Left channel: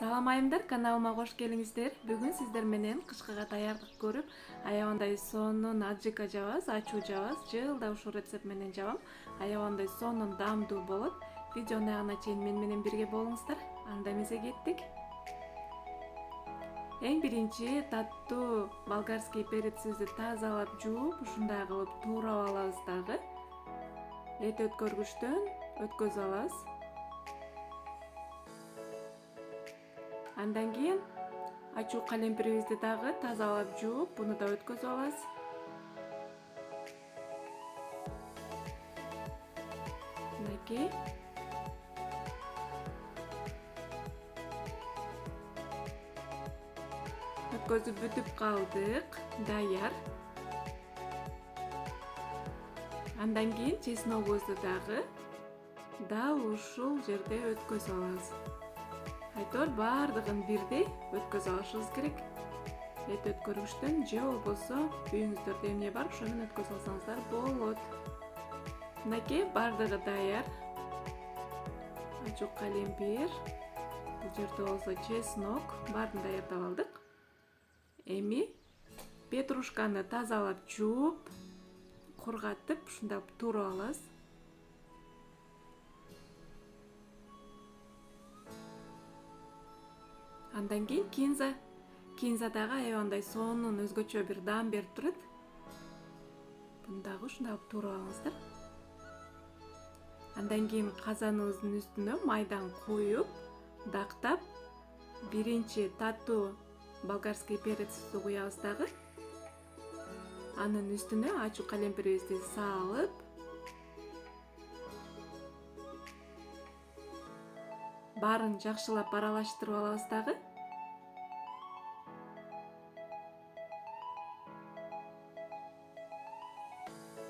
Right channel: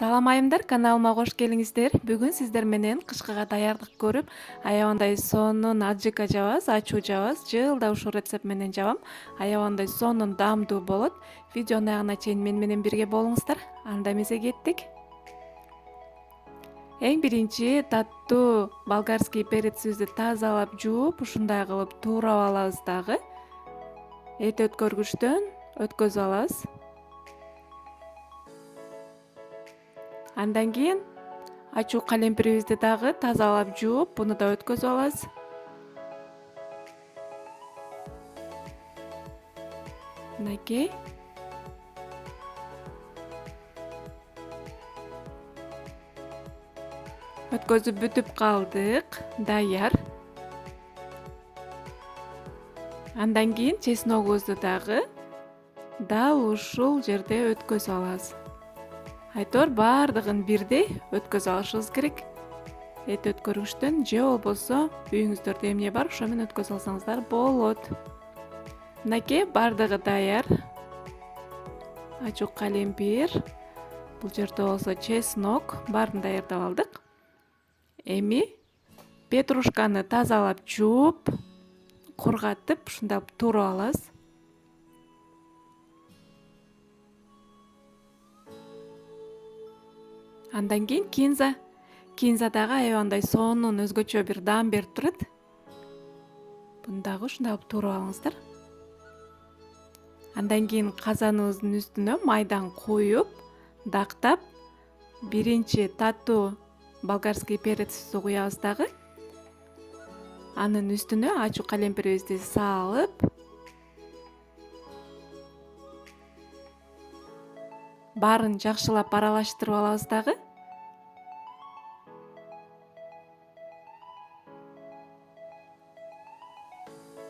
Салам айымдар, каналыма кош келиңиздер. Бүгүн сиздер менен кышкыга даярдык көрүп, аябандай сонун аджика жабабыз, ачуу жабабыз. Жылда ушул рецепт менен жабам. Аябандай сонун даамдуу болот. Видеонун аягына чейин менен бирге болуңуздар. Анда эмесе кеттик. Эң биринчи таттуу болгарский перецибизди тазалап жууп, ушундай кылып туурап алабыз дагы. Эт өткөргүчтөн өткөзүп алабыз. Андан кийин ачуу калемпирибизди дагы тазалап жууп, буну да өткөзүп алабыз. Мынакей. Өткөзүп бүтүп калдык, даяр. Андан кийин чесногубузду дагы дал ушул жерде өткөзүп алабыз. Айтор бардыгын бирдей өткөзүп алышыбыз керек. Эт өткөргүчтөн же болбосо үйүңүздөрдө эмне бар, ошо менен өткөзүп алсаңыздар болот. Мынакей бардыгы даяр. Ачуу калемпир, бул жерде болсо чеснок, баарын даярдап алдык. Эми петрушканы тазалап жууп, кургатып, ушундай туурап алабыз. Андан кийин кинза. Кинза дагы аябандай сонун өзгөчө бир даам берип турат. Буну дагы ушундай кылып туурап алыңыздар. Андан кийин казаныбыздын үстүнө майдан куюп, дактап, биринчи таттуу болгарский перецибизди куябыз дагы. Анын үстүнө ачуу калемпирибизди салып, баарын жакшылап аралаштырып алабыз дагы.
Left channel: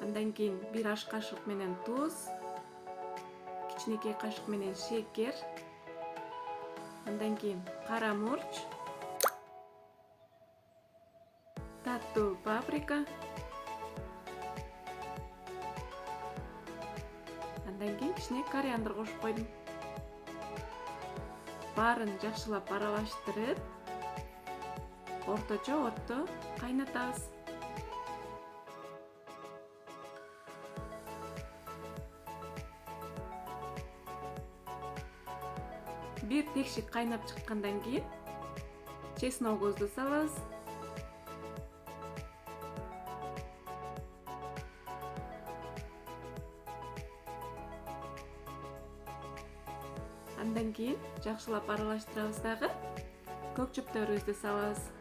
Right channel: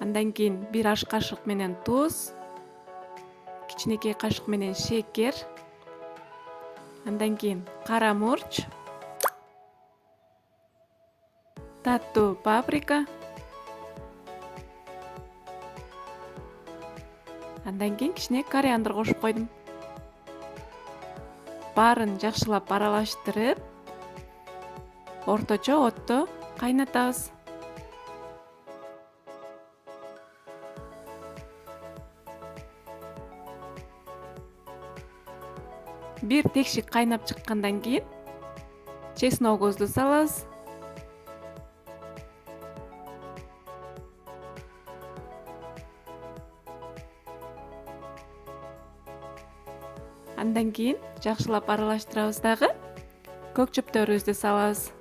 Андан кийин бир аш кашык менен туз, кичинекей кашык менен шекер, андан кийин кара мурч, таттуу паприка, андан кийин кичине кориандр кошуп койдум. Баарын жакшылап аралаштырып, орточо отто кайнатабыз. Бир текшик кайнап чыккандан кийин чесногубузду салабыз. Андан кийин жакшылап аралаштырабыз дагы. Көк чөптөрүбүздү салабыз.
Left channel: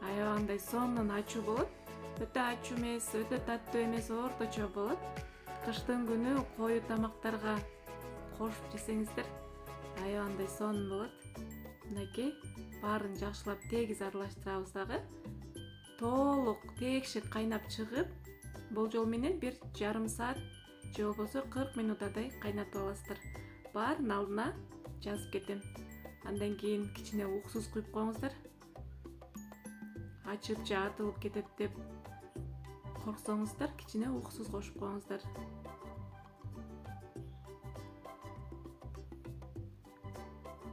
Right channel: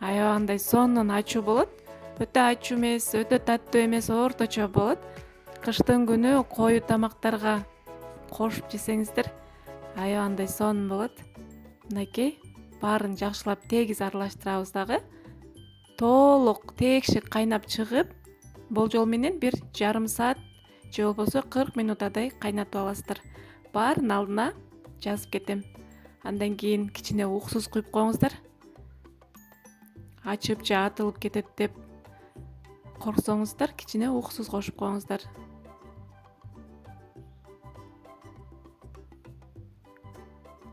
Аябандай сонун ачуу болот. Өтө ачуу эмес, өтө таттуу эмес, орточо болот. Кыштын күнү кою тамактарга кошуп жесеңиздер аябандай сонун болот. Мынакей баарын жакшылап тегиз аралаштырабыз дагы. Толук текшик кайнап чыгып, болжол менен бир жарым саат же болбосо 40 минутадай кайнатып аласыздар. Баарын алдына жазып кетем. Андан кийин кичине уксус куюп коюңуздар. Ачып же атылып кетет деп корксоңуздар, кичине уксус кошуп коюңуздар.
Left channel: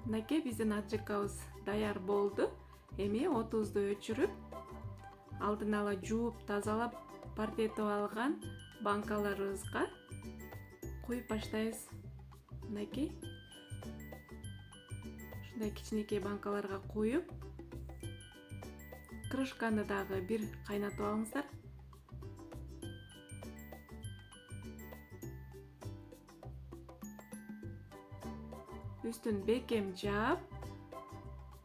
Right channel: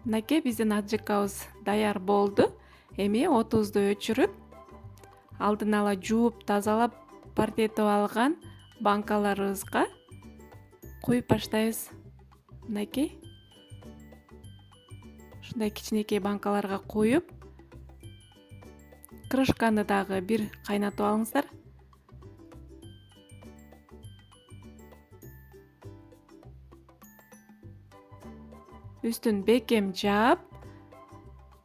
Мынакей биздин аджикабыз даяр болду. Эми отубузду өчүрүп, алдын ала жууп, тазалап, парчетип алган банкаларыбызга куюп баштайбыз. Мынакей. Ушундай кичинекей банкаларга куюп, крышканы дагы бир кайнатып алыңыздар. Үстүн бекем жаап,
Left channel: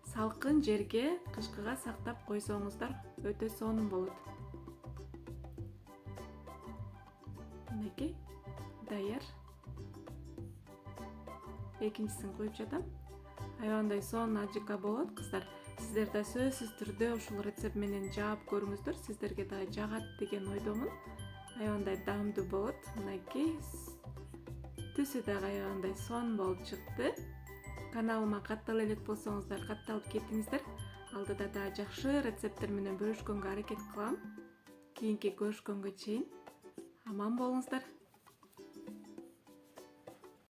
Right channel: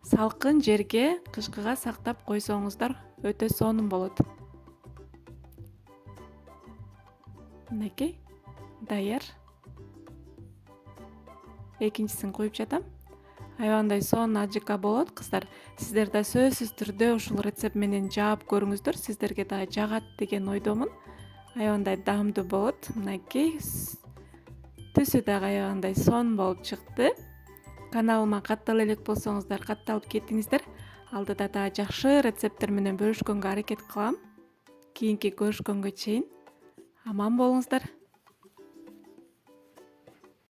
салкын жерге кышкыга сактап койсоңуздар өтө сонун болот. Мынакей даяр. Экинчисин куюп жатам. Аябандай сонун аджика болот, кыздар. Сиздер да сөзсүз түрдө ушул рецепт менен жаап көрүңүздөр. Сиздерге дагы жагат деген ойдомун. Аябандай даамдуу болот. Мынакей түсү дагы аябандай сонун болуп чыкты. Каналыма каттала элек болсоңуздар, катталып кетиңиздер. Алдыда дагы жакшы рецепттер менен бөлүшкөнгө аракет кылам. Кийинки көрүшкөнгө чейин аман болуңуздар.